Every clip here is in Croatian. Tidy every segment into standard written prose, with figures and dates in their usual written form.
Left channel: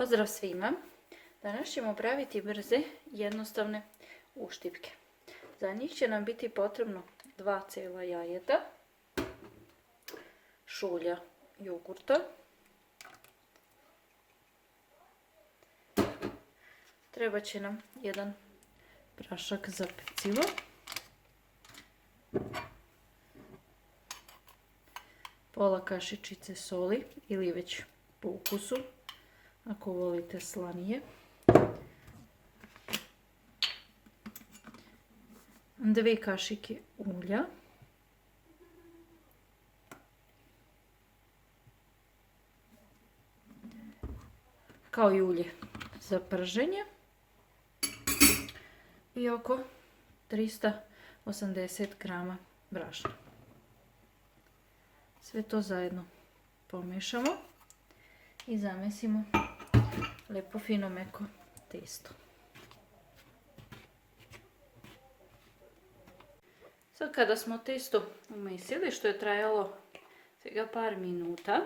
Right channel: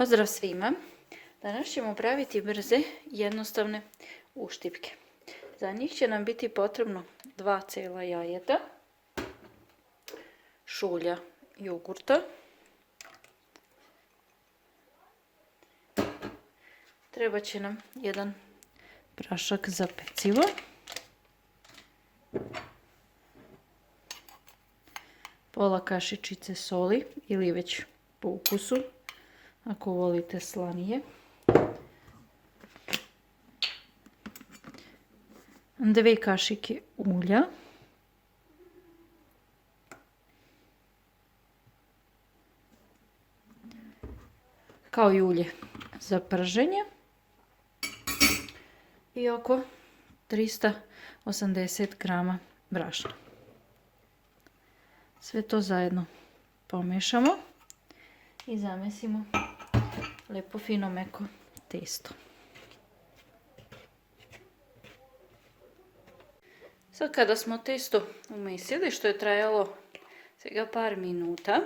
Pozdrav svima! Danas ćemo praviti brze, jednostavne uštipke. Za njih će nam biti potrebno 2 cijela jajeta, šulja jogurta, treba će nam jedan prašak za pecivo, pola kašičice soli ili već po ukusu, ako volite slanije, 2 kašike ulja, kao i ulje za prženje i oko 380 grama brašna. Sve to zajedno pomiješamo i zamesimo lijepo fino meko testo. Sad kada smo testo umesili, što je trajalo svega par minuta,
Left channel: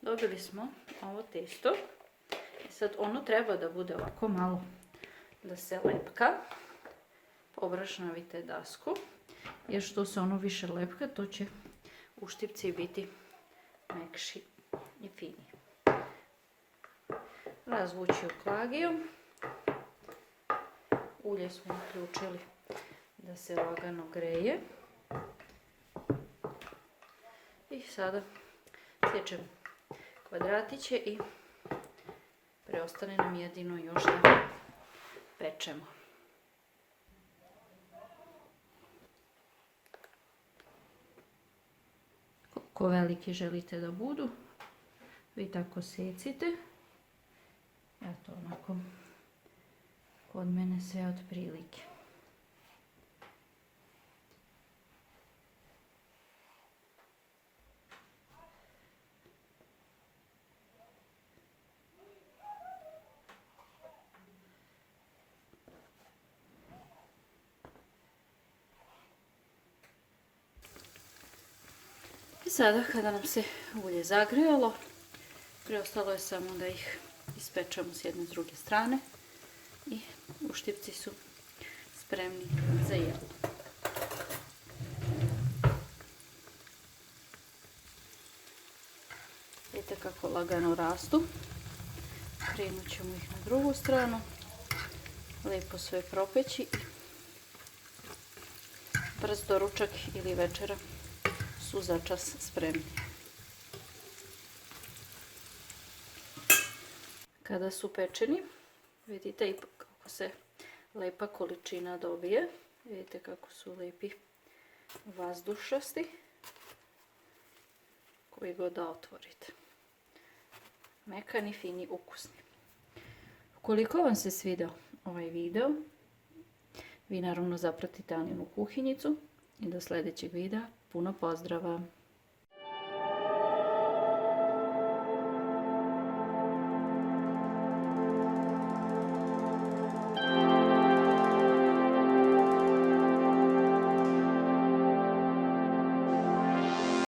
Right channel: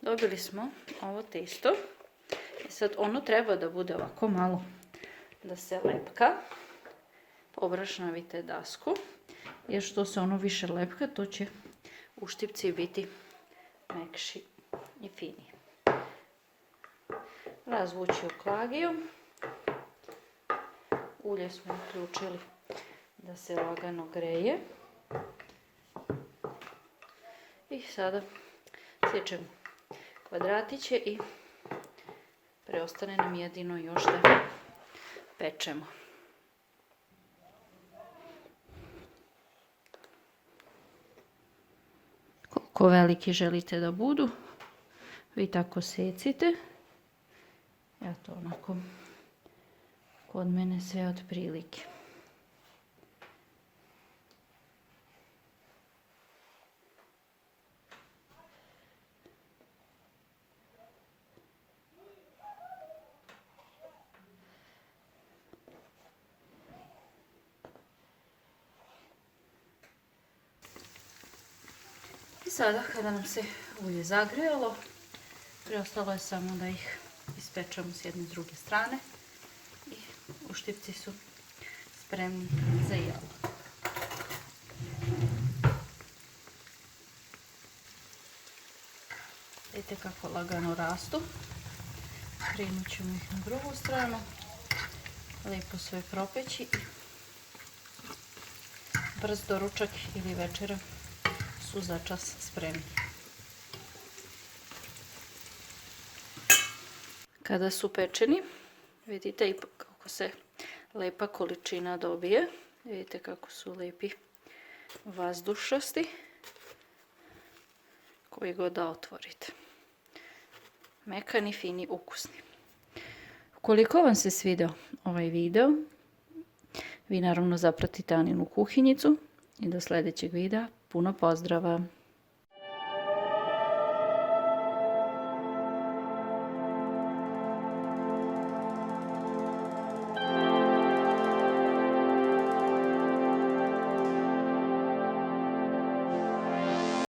dobili smo ovo testo. I sad ono treba da bude ovako malo da se lepka. Obrašnavite dasku, jer što se ono više lepka, to će uštipci biti mekši i fini. Razvući u klagiju. Ulje smo uključili da se lagano greje. I sada sjećemo kvadratiće i preostane nam jedino još da pečemo. Koliko veliki želite da budu, vi tako secite. Ja to onako kod mene sve otprilike. I sada kada nam se ulje zagrijalo, preostalo je samo da ih ispečemo s jedne i s druge strane i uštipci su spremni za jelo. Vidite kako lagano rastu. Krenut ćemo ih na drugu stranu, lijepo sve propeći. Brz doručak ili večera su začas spremni. Kada su pečeni, vidite ipak kako se lepa količina dobije. Vidite kako su lepi vazdušasti, koji god da otvorite. Mekani, fini, ukusni. Ukoliko vam se svidio ovaj video, vi naravno zapratite Aninu kuhinjicu i do sljedećeg videa. Puno pozdrava!